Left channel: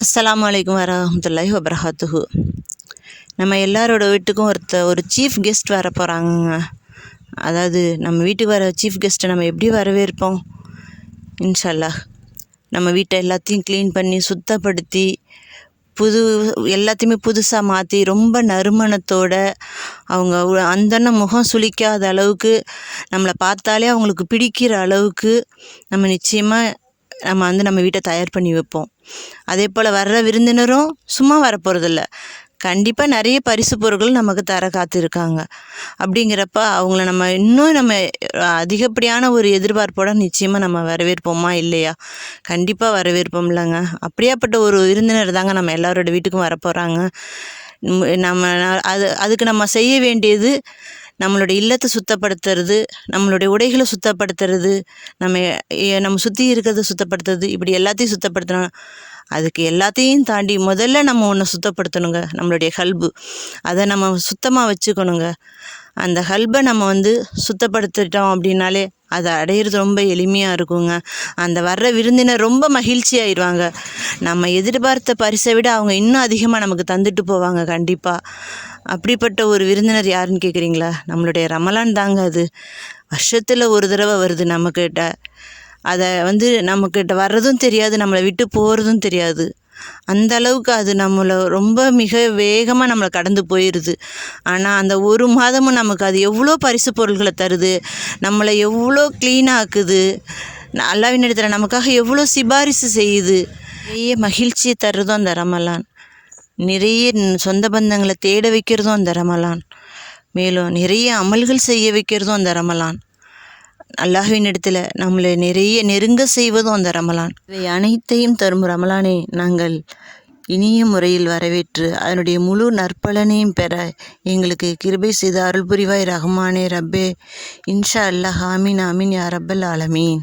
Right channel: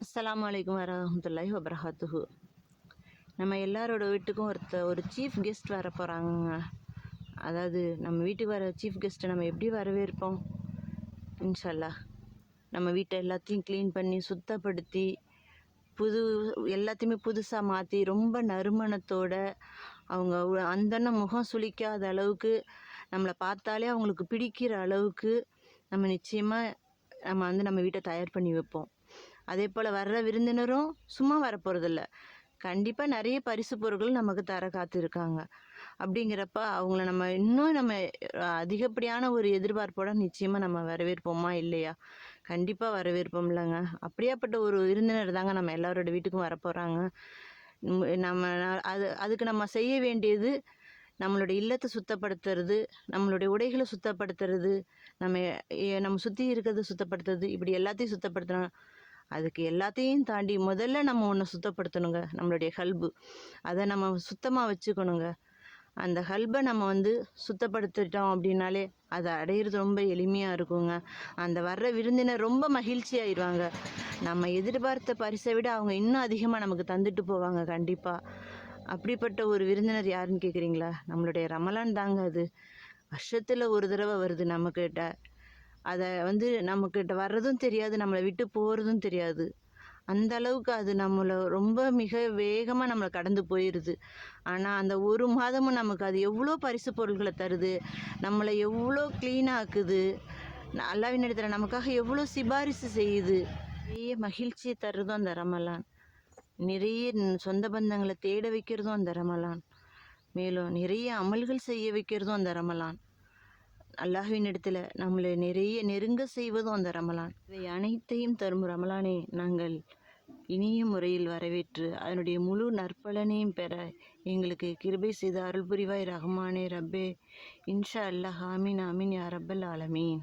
அஸ்ஸலாமு அலைக்கும் வரஹ்மத்துல்லாஹி வபரகாத்துஹு. நம்ம எல்லாரோட வீட்டுக்கும் ஒரு சீஃப் கெஸ்ட் வர போகிறாங்க. அதாவது நம்ம வீட்டுக்கு வர சீஃப் கெஸ்ட்டை நம்ம எப்படி வரவேற்போம்? இன்ஷா அல்லாஹ் நம்ம வீட்டை எல்லாத்தையும் க்ளீன் பண்ணி சுத்தப்படுத்தி எல்லாத்தையுமே புதுசாக மாற்றி ரொம்ப நறுமணத்தோட அவங்க அந்தன முகம் சுளிக்காத அளவுக்கு நம்மளை பார்த்தாலே அவங்களுக்கு பிடிக்கிற அளவுக்கு நம்ம நிச்சயமாக நம்ம வீட்டை தயார் பண்ணி வைப்போம். அதே போல் வர்ற விருந்தினரும் சும்மா வரப்போகிறதில்ல, கண்டிப்பாக நிறைய பரிசு பொருட்கள் நமக்கு தர காத்திருக்காங்க. அப்படிங்கிறப்ப அவங்கள இன்னும் அதிகப்படியான ஒரு எதிர்பார்ப்போட நிச்சயமாக நம்ம வரவேற்போமா இல்லையா? கண்டிப்பாக வரவேற்போம்லங்க. அப்படியாப்பட்ட ஒரு விருந்தினர் தாங்க நம்ம எல்லாரோட வீட்டுக்கும் வரப்போகிறாங்க. அதுக்கு நம்ம செய்ய வேண்டியது நம்மளுடைய இல்லத்தை சுத்தப்படுத்துறது, நம்மளுடைய உடைகளை சுத்தப்படுத்துறது, நம்ம சுற்றி இருக்கிறத சுத்தப்படுத்துறது, இப்படி எல்லாத்தையும் சுத்தப்படுத்தணும். அதுக்கு எல்லாத்தையும் தாண்டி முதல்ல நம்ம ஒன்று சுத்தப்படுத்தணுங்க, நம்மளுடைய கல்பு. அதை நம்ம சுத்தமாக வச்சுக்கணுங்க. அந்த கல்பை நம்ம சுத்தப்படுத்திட்டோம் அப்படின்னாலே அதை அடையிறது ரொம்ப எளிமையாக இருக்குங்க. அந்த வர்ற விருந்தினர் ரொம்ப மகிழ்ச்சி ஆயிடுவாங்க. நம்ம எதிர்பார்த்த பரிசை விட அவங்க இன்னும் அதிகமாக நமக்கு தந்துட்டு போவாங்க கண்டிப்பாக. அப்படிப்பட்ட ஒரு விருந்தினர் யாருன்னு கேட்குறீங்களா? நம்மளுடைய ரமலான் தாங்க. அது வருஷத்தில் ஒரு தடவை வருது நம்மக்கிட்ட. அதை நம்மக்கிட்ட வர்றதும் தெரியாது, நம்மளை விட்டு போகிறதும் தெரியாது. அந்த அளவுக்கு அது நம்மளை ரொம்ப மிக வேகமாக நம்மளை கடந்து போயிடுது. ஆனால் அந்த ஒரு மாதமும் நமக்கு அது எவ்வளோ பரிசு பொருள்களை தருது, நம்மளை எவ்வளோ க்ளீனாக்குது, அல்லாஹ்வின் இடத்துல நமக்காக எவ்வளோ சிபாரிசு செய்யுது. நிறைய மகிழ்ச்சியை தர்றதும் அந்த ரமலான், நிறைய சொந்த பந்தங்களை தேட வைக்கிறதும் அந்த ரமலான், மேலும் நிறைய அமல்கள் செய்ய வைக்கிறதும் அந்த ரமலான், அல்லாஹ்வின் இடத்துல நம்மளை நிறைய நெருங்க செய்வதும் அந்த ரமலான். இவை அனைத்தையும் தரும் ரமலானை நாங்கள் இனிய முறையில் வரவேற்று அதனுடைய முழு நற்பலனையும் பெற எங்களுக்கு கிருபை செய்து அருள் புரிவாய் ரஹ்மானே ரப்பே. இன்ஷா அல்லாஹ். ஆமீன் ஆமீன் யா ரப்பல் ஆலமீன்.